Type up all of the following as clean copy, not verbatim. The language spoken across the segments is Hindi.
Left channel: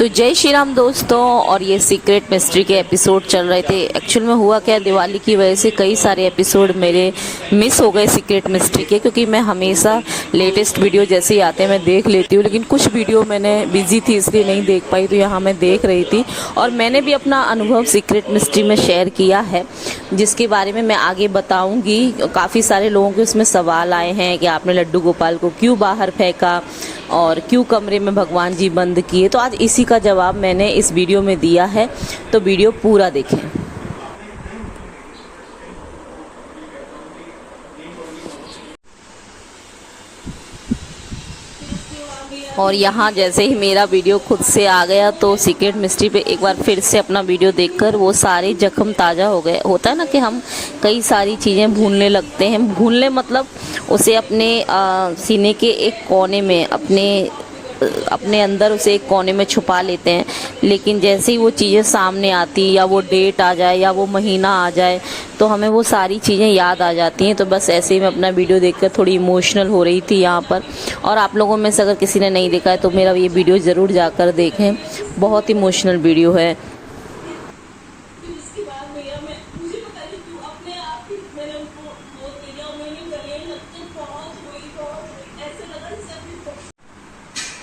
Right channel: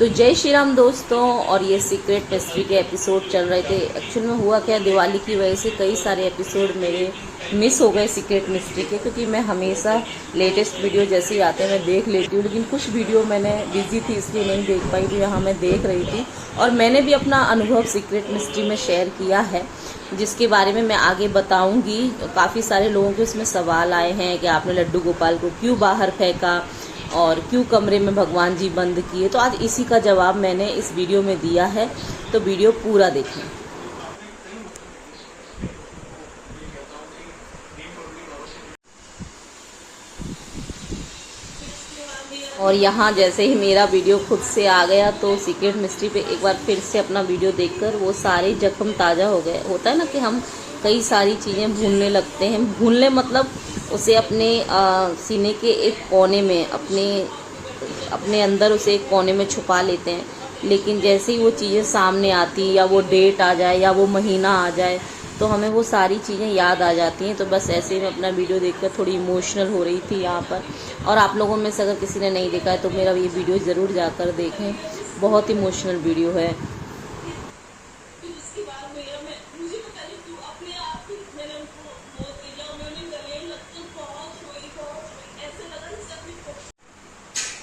तो जय श्री राम दोस्तों। और ये सीक्रेट मिस्ट्री के एपिसोड चल रहे थे। एक्चुअल में हुआ क्या, दिवाली की वजह से कई सारे एपिसोड मेरे मिस हो गए सीक्रेट मिस्ट्री के, क्योंकि मैं हमेशा लेटेस्ट वीडियो जैसे ही आते हैं मैं देख लेती हूँ, लेकिन कुछ वीडियो मैंने बिजी थी इसलिए नहीं देख पाई, तो यहाँ मैं देख रही थी और मैंने भी अपना अनुभव सीक्रेट मिस्ट्री में शेयर किया है, जिसके बारे में मैं आगे बताऊंगी। काफ़ी सारे लोगों के उसमें सवाल आए हैं कि आपने लड्डू गोपाल को क्यों बाहर फेंका और क्यों कमरे में भगवान जी बंद किए। तो आज इसी का जवाब मैंने इस वीडियो में दिया है, तो वीडियो पूरा देखें। और यहाँ जैसे ही मेरा वीडियो खुद से आ गया तो सीक्रेट मिस्ट्री पे एक बार फिर से अपना वीडियो देखकर वो सारे जख्म ताज़ा हो गए। होता है ना कि हम कई सारी चीज़ें भूलने लगते हैं। भूलने मतलब उसे अपने सीने के एक कोने में अपने अंदर उसे एक कोने में छुपा लेते हैं, लेकिन जैसे ही वो चीज़ें सामने आती या वो डेट आ जाए या वो महीना आ जाए तो हमें वो सारी चीज़ें याद आ जाती हैं। तो बस ऐसे ही मैं अपना वीडियो देखकर थोड़ी इमोशनल हो रही थी यहाँ पर। और आप लोगों में से अगर किसी ने नहीं देखा है तो मेरा ये वीडियो ज़रूर जाकर देखें, बहुत इमोशनल वीडियो है।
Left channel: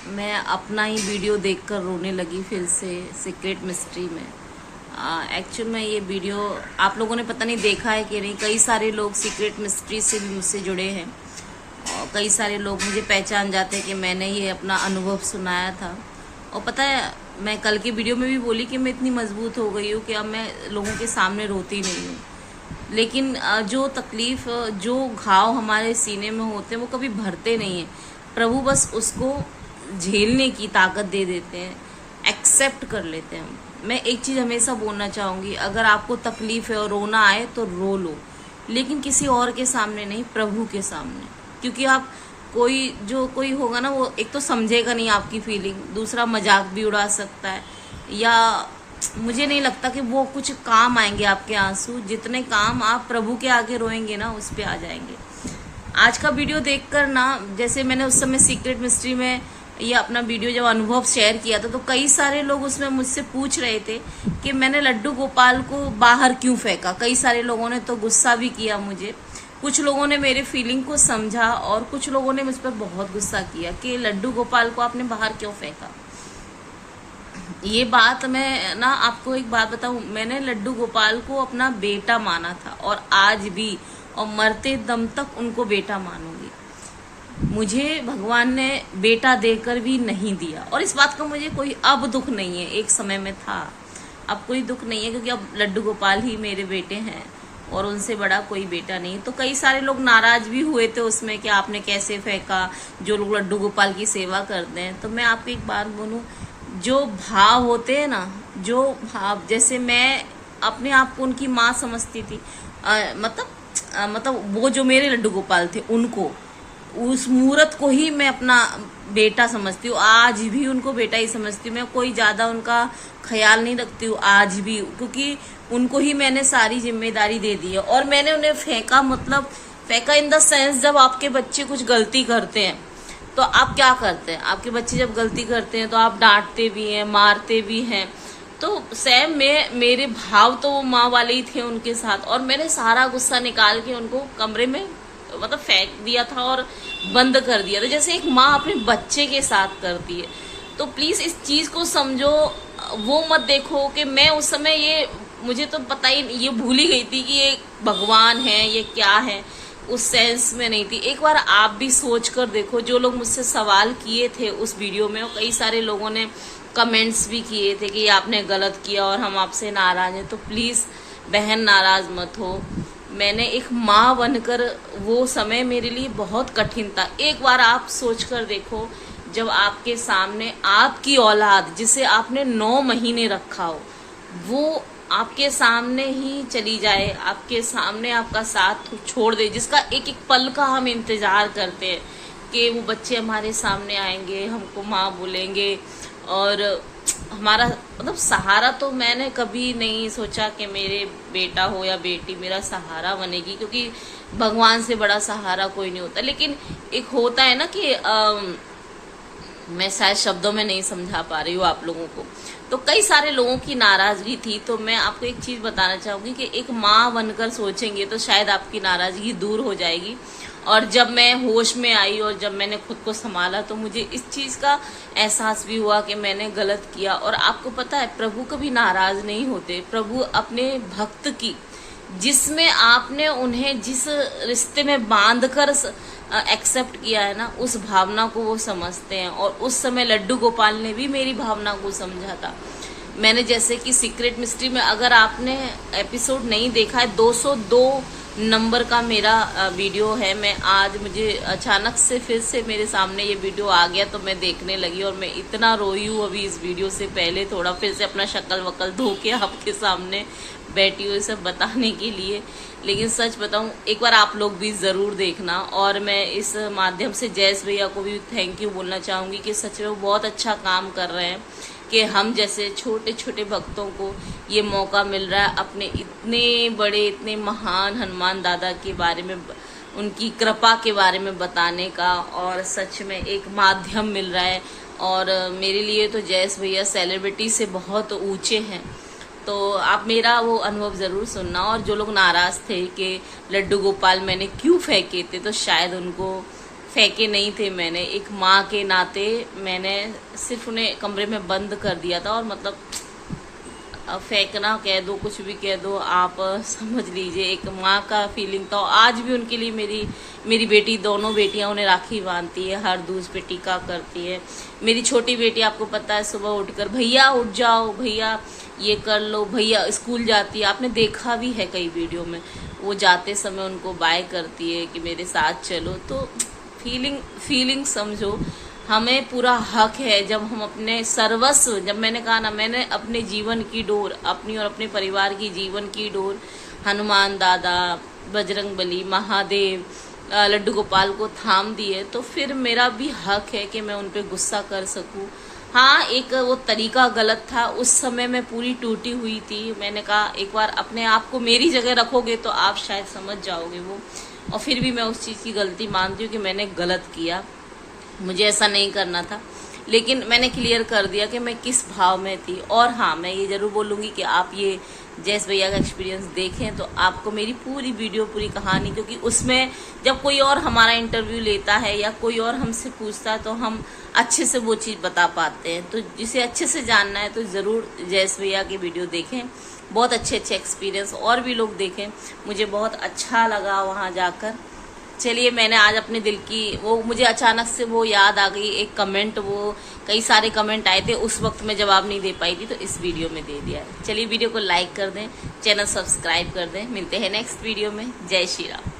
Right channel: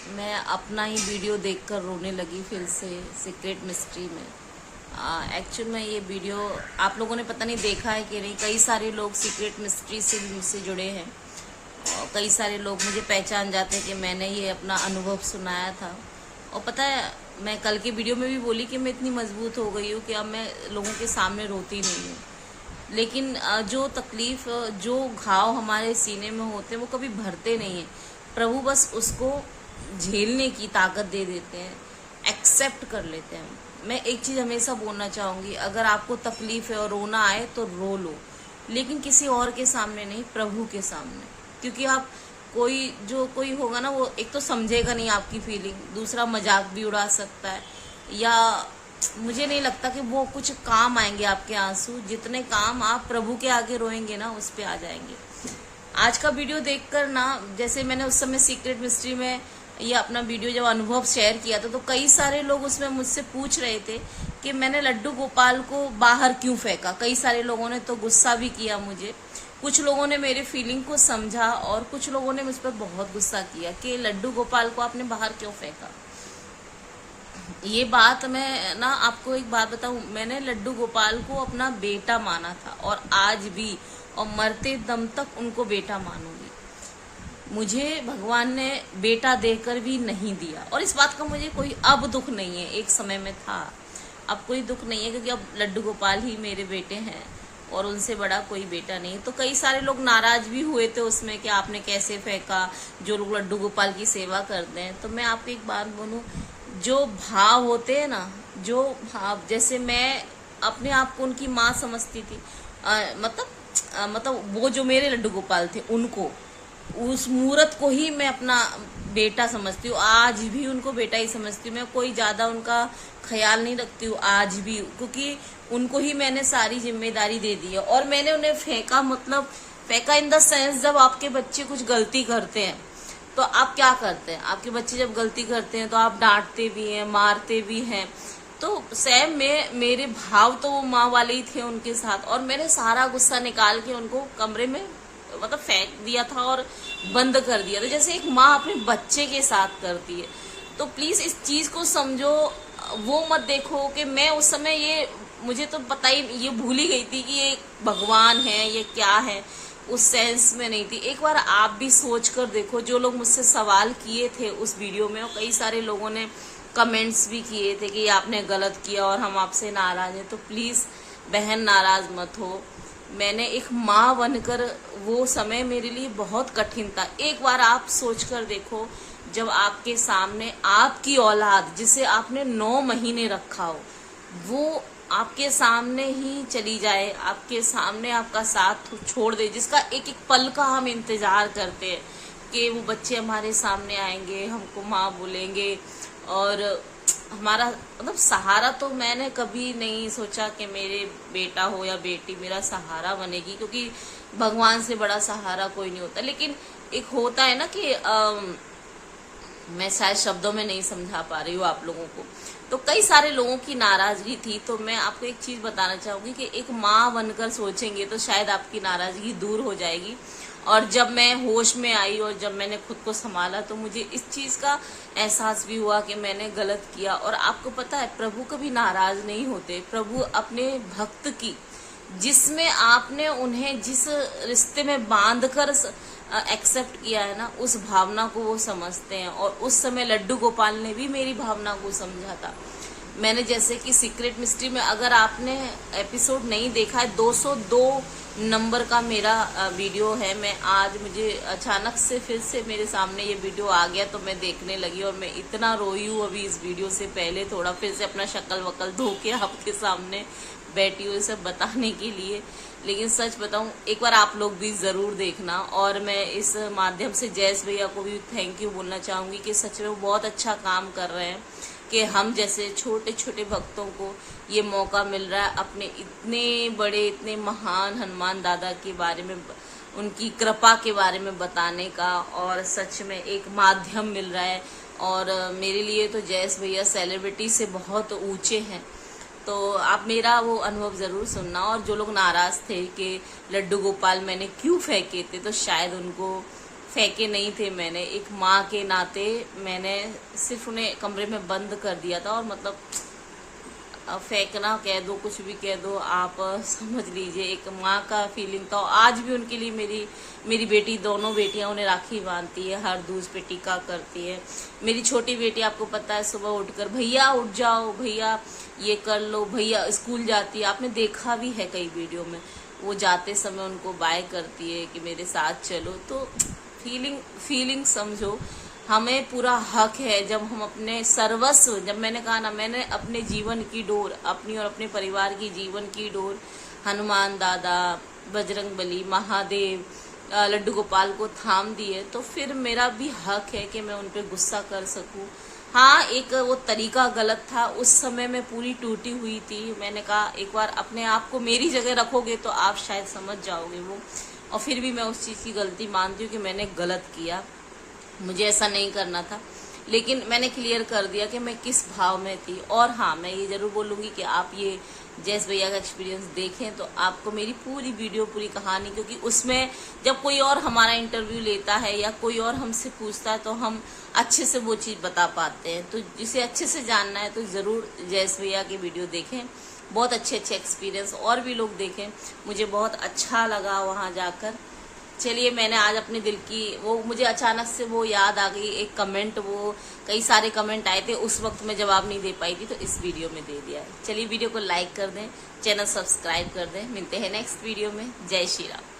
मैं अपना ही वीडियो देखकर रोने लगी फिर से सीक्रेट मिस्ट्री में। एक्चुअल में ये वीडियो आप लोगों ने पता नहीं देखा है कि नहीं। कई सारे लोग सीक्रेट मिस्ट्री से भी मुझसे जुड़े हैं और कई सारे लोग मुझे पहचान जाते हैं कि मैंने ये अपना अनुभव सुनाया था। और पता है, मैं कल के वीडियो में भी बोली कि मैं इतनी मजबूत हो गई हूँ कि अब मैं लोगों के सामने रोती नहीं हूँ। लेकिन जो तकलीफ, जो घाव हमारे सीने में होते हैं वो कभी भरते नहीं है। प्रभु बस उसको झेलने की ताकत दे देते हैं, एक्सेप्ट कर लेते हैं। मैं एक चीज हमेशा बोलना चाहूंगी, अगर आपको तकलीफ है और रोना आए तो रो लो, लेकिन किसी और के सामने नहीं, प्रभु के सामने। क्योंकि आप कोई होगा ना, वो एक तो समझेगा नहीं आपकी फीलिंग, दूसरा मजाक भी उड़ा सकता है, या मुझे नहीं लगता कि वो कुछ काम आएंगे आपके आंसू। जितने काम आप प्रभु के आगे रोएंगे ना उस पे आ जाएंगे। आज का वीडियो देखकर ना, जैसे मैंने उस समय सीक्रेट मिस्ट्री में ये अपना वीडियो जब अनुभव शेयर किया था तो कई सारे लोग उसमें मुझसे पूछ रहे थे कि मैंने लड्डू गोपाल को बाहर क्यों फेंका। कई सारे लोगों ने तो गुस्सा भी किया मुझे, कुछ लोगों ने मेरे फीलिंग को समझा और कुछ लोगों ने मुझ पर बहुत गुस्सा किया कि लड्डू गोपाल को आपने बाहर क्यों फेंका। ये बात मैं ना आपको एक बात बताऊं, मैंने लड्डू गोपाल को अपना बेटा माना था और आज भी, और मरते दम तक उनको बेटा मानूंगी। मुझे भगवान ने बेटा देकर भी नहीं दिया और इस बात का मुझे कोई अब दुख नहीं है। एक समय में था, अब कोई दुख नहीं है, क्योंकि अब लड्डू गोपाल ही मेरे बेटे हैं और उनसे बड़ा कोई बेटा नहीं। तो कई सारे लोग नाराज भी हुए थे उसमें कि आपने कैसे फेंका, जो लोग लड्डू गोपाल की सेवा करते हैं। तो मैं आपको एक बात बोलूं, जो भाव होते हैं ना, जो भाव, जैसे मैं अपने आप को उनकी माँ समझती थी, मतलब वो जो मेरे लड्डू गोपाल थे उनको, उस मूर्त को ही मैं अपना बेटा समझती हूँ। आज भी उनको बेटा ही समझती हूँ। मैं कोई ज्यादा उनका ख्याल नहीं रखती हूँ आज भी, क्योंकि उनको ही मैंने सारी जिम्मेदारी दे दी है। और मैंने उन्हें फेंका, मतलब फेंका इन द सेंस, जब आपके बच्चे कुछ गलती करते हैं तो आप क्या करते हैं, आपके बच्चे जब गलती करते हैं तो आप डांटते भी हैं, मारते भी हैं। तो सेम मेरे भाव तो वो माँ वाले ही थे उनके साथ, और मैंने सारा गुस्सा निकाल के उनको कमरे में मतलब फेंक दिया था और बंद कर दिया था, जैसे एक माँ अपने बच्चे के साथ करती है। तो प्लीज इस चीज को समझो। वो मत देखो कि मैं उस समय, ये मुझे तो पता ही, ये भूल ही गई थी कि ये भगवान है, ये क्या है, उस सेंस में नहीं थी। एक बार आप भी सोच कर देखो। जो लोग मुझसे सवाल किए थे उस वीडियो में, और कई सारे लोगों ने कमेंट्स भी किए थे कि आपने गलत किया और हम आपसे नाराज हैं। तो प्लीज बहन नाराज मत हो। मैंने एक माँ बनकर, वो समय मेरे लिए बहुत कठिन था। एक बार आप सोच कर देखो, जब आपके सामने आपकी औलाद, जिसे आपने 9 महीने रखा हो, वो आपके सामने ही चली जाए, आपके सामने आपका साथ छोड़ दे, जिसका एक एक पल का हम इंतजार करते हैं कि वो बच्चे हमारे सामने आएंगे, हमको माँ बोलेंगे, और हमारा मतलब सहारा। तो मैंने कभी नहीं सोचा कि मेरे बेटा हो या बेटी मेरा सहारा बनेगी, क्योंकि भगवान से बड़ा सहारा कोई नहीं होता। लेकिन एक होता है ना कि मैं शायद शब्दों में नहीं समझा पा रही हूँ आप लोगों को। तो कई सारे लोगों की नाराजगी थी। तो मैं आपको एक चीज बताना चाहूंगी कि एक माँ बनकर सोचेंगे तो शायद आपकी नाराजगी दूर हो जाएगी। और जब मैं होश में आई और जब मैंने खुद को संभाला तो मुझे इस चीज का एहसास भी हुआ कि मैंने गलत किया। और आपको पता है, प्रभु कभी नाराज नहीं होते। प्रभु अपने भक्त की, जिसमें आपने उन्हें जिस रिश्ते में बांधकर एक्सेप्ट किया है ना, उस भावना को वो समझते हैं। और उस समय लड्डू गोपाल ने भी मेरी भावना को समझा था। मैंने जैसे कि सीक्रेट मिस्ट्री में, अगर आपने एपिसोड नहीं देखा है, 202 नंबर का मेरा वीडियो है। मैं आज, मुझे अचानक से फिर से मेरे सामने ये वीडियो आ गया तो मैं देखने लगी और मैं इतना रोई हूँ अभी इस वीडियो से पहले। थोड़ा फिर से अपना शक्ल वकल धो के आपके सामने बैठी हुई सब बताने के लिए। लेकिन सच बताऊं, एक बार आप लोग भी जरूर देखना। और मैं इस माध्यम से जयेश भैया को भी थैंक यू बोलना चाहूंगी कि सच में वो बहुत अच्छा काम कर रहे हैं कि हम जैसे छोटे छोटे भक्तों को ये मौका मिल रहा है अपने इतने बड़े, इतने महान हनुमान दादा के बारे में, उनकी कृपा के बारे में बताने का। और सच में एक माध्यम मिल रहा है। और मेरे लिए तो जयेश भैया सेलिब्रिटी से बहुत ऊंचे हैं। तो आप मेरा वो अनुभव जरूर सुनना। और जो लोग नाराज थे कि लड्डू गोपाल मैंने क्यों फेंके थे, तो शायद उनको फेंके नहीं थे मैंने, एक माँ के नाते मैंने सिर्फ उन्हें कमरे में बंद कर दिया था। और मतलब फेंकना कह दो, कुछ भी कह दो, आप समझ लीजिए, एक माँ का फीलिंग था। आज भी उनके लिए मेरी बेटी, दोनों बेटियां उन्हें राखी बांधती है, हर दूज पे टीका करती है। मेरी छोटी बेटी, आपको पता है, सुबह उठकर भैया उठ जाओ, भैया ये कर लो, भैया स्कूल जाती है। आपने देखा भी है कई वीडियो में, वो जाते समय उनको बाय करती है कि मेरे साथ चलो। तो फीलिंग समझो, हमें पूरा हक है जब हम अपने सर्वस्व, जब मैंने कहा ना, मैंने अपने जीवन की डोर, अपनी और अपने परिवार की जीवन की डोर हनुमान दादा, बजरंगबली, महादेव, लड्डू गोपाल को थाम दी है, तो फिर मेरा भी हक है कि मैं उन पे गुस्सा कर सकूं। हाँ, एक वो तरीका गलत था, उस समय मैं पूरी टूटी हुई थी। मैंने कहा एक बार अपने आप को मेरी जगह रखोगे तो आप शायद समझ जाओगे वो। और फिर भी मैं उस चीज की गलती मानती हूँ कि मैंने गलत किया, मुझे ऐसा नहीं करना था। लेकिन मैंने क्लियर कर दिया कि मैं किस भाव में थी। और हाँ, मैं ये जरूर बोलूंगी कि आप ये जयेश भैया का एक्सपीरियंस देखें तो आपको मेरी पूरी वीडियो, पूरी कहानी, क्योंकि उसमें जब कोई और हमारा इंटरव्यू लेता है या कोई और हमसे पूछता है तो हम अच्छे से वो चीज बता पाते हैं। तो जिसे अच्छे से जानना है तो जरूर जयेश भैया की वीडियो देखें। बहुत अच्छे एक्सपीरियंस और भी लोग देखें। मुझे बहुत अच्छा लगा वहां जाकर। चलिए, मैंने आज अपने दिल की वो, मुझे अचानक से वो याद आ गई, एक कमेंट, वो कई सारे कमेंट आए थे, उस वक्त मैं जवाब नहीं दे पाई थी तो इस वीडियो में दे दिया। चलिए, वीडियो को लाइक कर दें, चैनल सब्सक्राइब कर दें। मिलते हैं नेक्स्ट वीडियो में। जय श्री राम।